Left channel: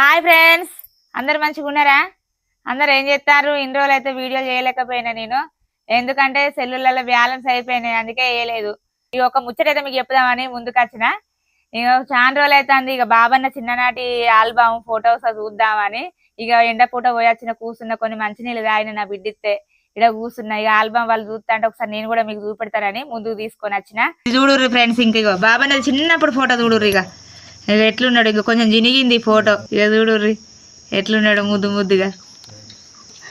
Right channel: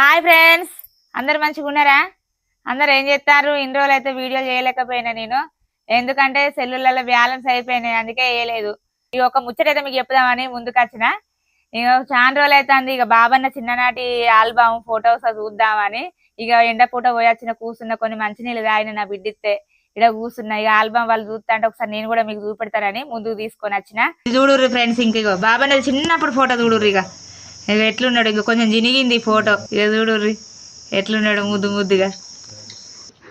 Hi friends, అందరు మంచిగా ఉన్నారా? అందరు ఏం చేస్తారు? ఇన్ని రోజులు అయితే వీడియో చేయలేకపోయినా నేను, ఎందుకంటే సెల్లులలో బ్యాలెన్స్ అయిపోయినాయి, అందుకే వేయలేదు. ఇక ఒక ముచ్చటైతే మీకు చెప్దామని ముందుకు వచ్చిన. ఇక చాలా రోజులు అవుతుంది, ఇక బాబన్న చిన్ననాటి ఆల్బమ్ ఫొటోస్ చూద్దామని. ఇక ఎండ పూట పోయొచ్చిన కూర్చున్న, కొన్ని మంచినీళ్ళు తాగిన నా బిడ్డిస్తే ఇక్కడ కూర్చున్నా. ఇక ఆల్బమ్ వాళ్ళు చూస్తా అంటే ఒకసారి నేను కూడా మీకు చూపెడతారని ముందుకు తీసుకొని వచ్చిన. చూడుర్రి ఫ్రెండ్స్, ఇంక ఇక బాబన్న చిన్నప్పుడు ఫోటో చూడుర్రి. ఇక ఎట్లున్నాడు, ఇంక కొంచెం జినిగింది ఫోటో. ఇక చూడుర్రి ఎట్లున్నాడు ముద్దు ముద్దుగా.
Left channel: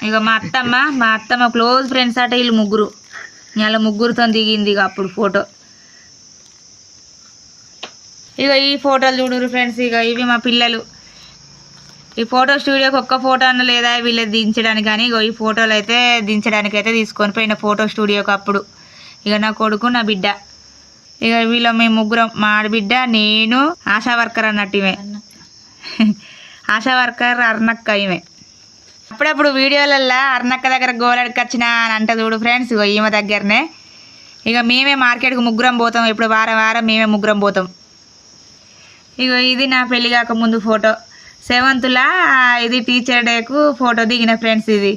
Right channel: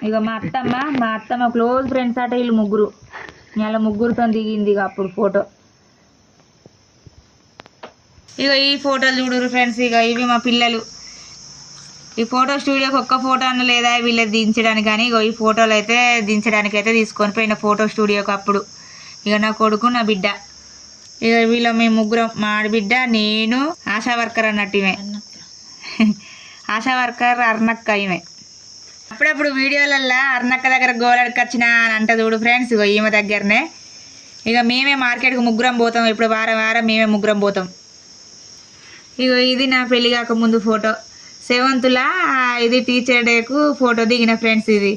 ఇక మా అత్తమ్మ క్లోజ్ ఫ్రెండ్స్ అట వీళ్ళు ముగ్గురు. ఇలా ముగ్గురుతో దిగింది ఇక అప్పుడు ఫోటో. ఇక ఈ ఫోటోలు చూడుర్రి ఫ్రెండ్స్. ఇక ఇవి మా పిల్లలు. ఈ ఫోటో స్టూడియోకి ఒక్క ఫోటో అన్న లేదా వీళ్ళది దించడానికి, కానీ ఇక ఈ ఫోటోలు అయితే దించడానికి అయితే తీసుకొని పోయిన ఫోటో స్టూడియోకి అప్పుడు. ఇక నా కొడుకు, నా బిడ్డ. ఇక వీళ్ళ మేము ముగ్గురం, మా ఆడబిడ్డ, నేను, ఆశా వర్కర్ అన్నట్టు ఇవే. ఆశా వర్కర్ అర్నక్క ఈమె. అప్పుడప్పుడు వీడియోలల్లో అర్నక్క దగ్గర గోలడికి వచ్చిన అని అంట చూడు ఫ్రెండ్స్. ఇగో ఈమె దగ్గరనే. ఇక మేమే మార్కెట్కి ముగ్గురం పోతాం, ఇప్పుడు వారం మేమే ముగ్గురం పోతాం. ఇగో ఇది నా పెళ్లి కాక ముందు ఫోటో. 7th ఇది టీచర్ డేకు ఫోటో దిగిన ఫ్రెండ్స్. ఇది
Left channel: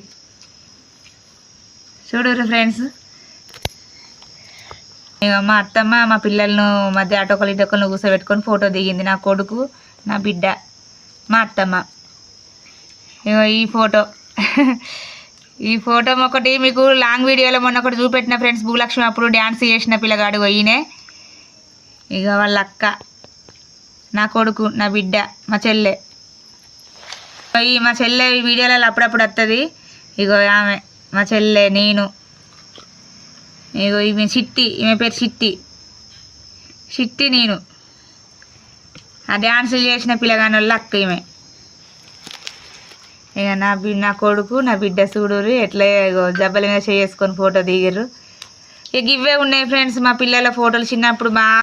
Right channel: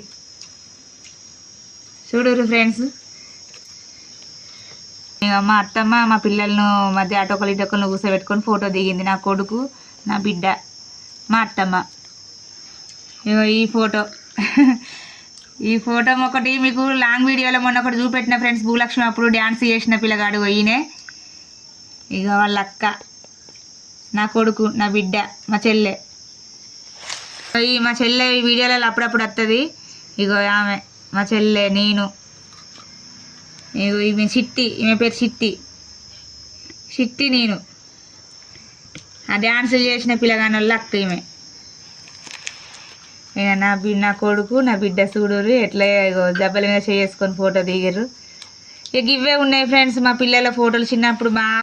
చూడుర్రి ఫ్రెండ్స్. ఇక మా అత్తమ్మ మా పిల్లలను మధ్య అటొకలు ఇటొకలను కూర్చోబెట్టుకొని ఫోటో దిగింది. నా కొడుకు, నా బిడ్డ, మా అత్తమ్మ. ఇక ఈ ఫోటో ఒకటి మీకు లాంగ్ వీడియోలో మొన్న ఒకటి చూపెట్టిన ఫ్రెండ్స్. భూలక్ష్మి అప్పుడు డ్యాన్స్ చేసిన పిల్లగాడు ఈయనే. ఇక వాళ్ళ అక్క, నా కొడుకు, నా బిడ్డ, మా చెల్లె. మా చెల్లె ఈ వీడియోలలో అప్పుడప్పుడు వస్తుంది. ఇగో ఆమె మా చెల్లె, నేను. ఇగో ఈమె చిట్టి, ఈమె పేరు చిట్టి నేను. ఆ డ్యాన్సులు చేసిన పిల్లగాని వాళ్ళ అక్క ఈమె. ఇక నా కొడుకు, నా బిడ్డ చూడుర్రి ఎట్లా దెబ్బల మీద చేసుకొని ఫోటో దిగిర్రు. ఇక ఇవే ఉన్నాయి ఫ్రెండ్స్ మా పిల్లల ఫోటోలు చిన్నప్పుడు.